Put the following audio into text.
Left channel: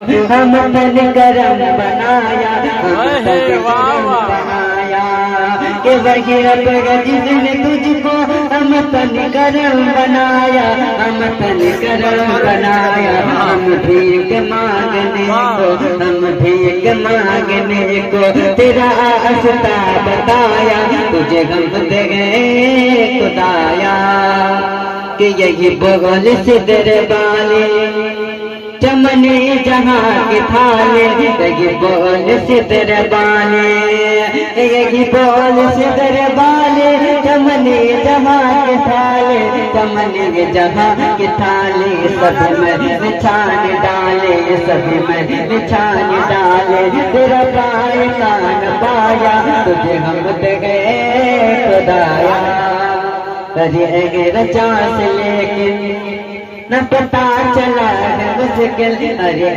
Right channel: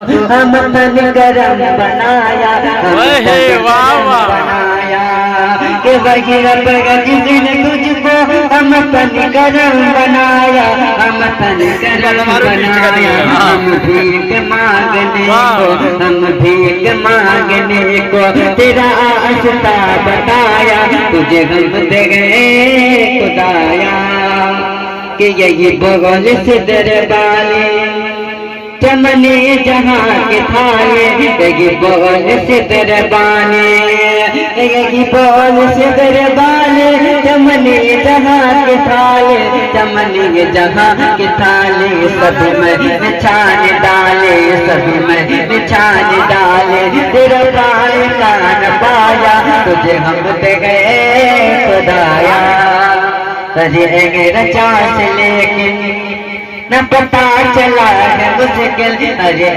हम तन गरम बनाया, वाह वाह बनाया कि वही रब जिसने तुझको हम तन गरम बनाया, हम तन गरम बनाया। हम भीख मांगने को, हम भीख मांगने को तेरा रास्ता बताया, तुझे हम दे गए खुदाया कि यही बगल से दरबारे चमने जहाँ के थाले, यही बोल से दरबाने, यही बोल से दरबाने, चमने जहाँ के थाले, चमने जहाँ के थाले, सब में निछान डाले, सब में निछान डाले। तेरा पाए कान पाया, तुझे हम दे गए खुदाया। अरे रचा से लेकिन न पता चला है मुश्किल, अरे